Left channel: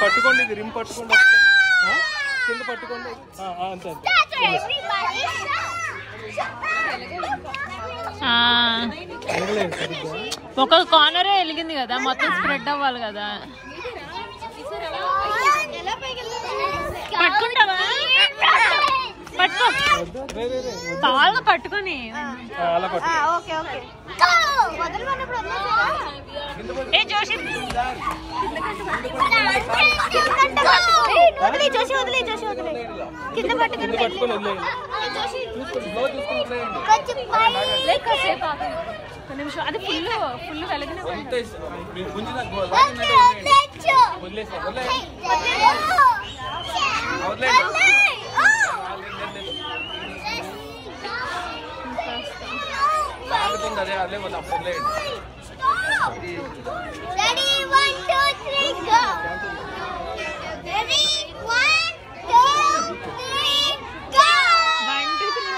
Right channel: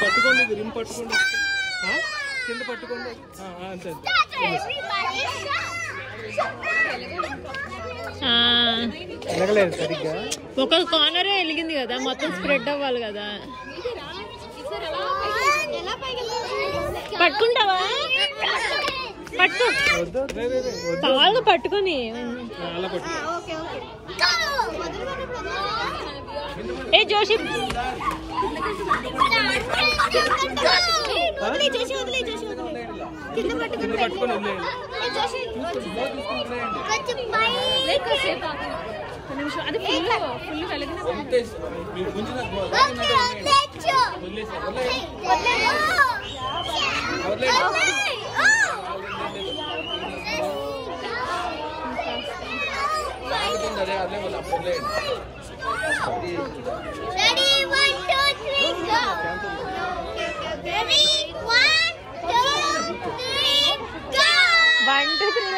పట్టుకోండి, ఇది రిమ్ పట్టుకోండి, కింద పట్టుకోండి. అంతే వెలగలేదు సరిగ్గా. ఒక కార్నరే వెలిగింది కదా, మొత్తం స్ప్రెడ్ అవ్వాలి కదా. పట్టుకుంటావా? పట్టుకో, కాళ్ళు పట్టుకుని. ఏ జోషి కింద పట్టుకుని అది ఫుల్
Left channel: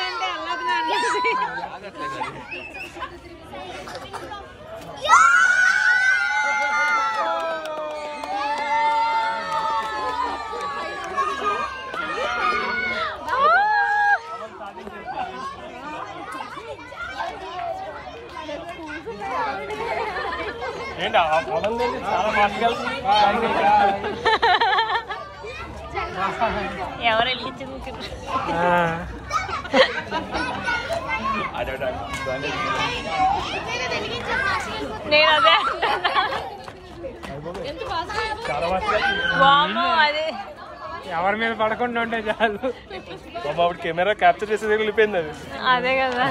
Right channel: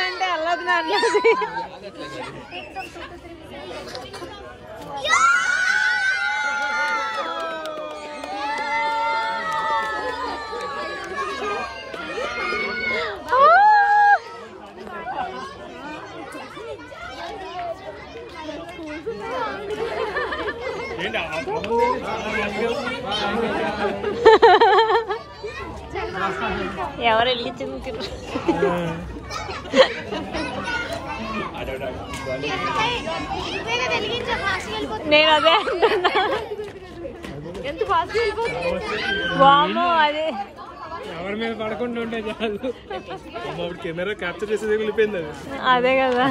అంటే అల్లది ఎవరు వెలిగించింది? నేను అదే ఎవరి మీద పడకుండా ఉంటే చాలు. కెమెరా క్యాప్చర్ చేసేది వెళ్ళిపోయింది అది. అదే కదా.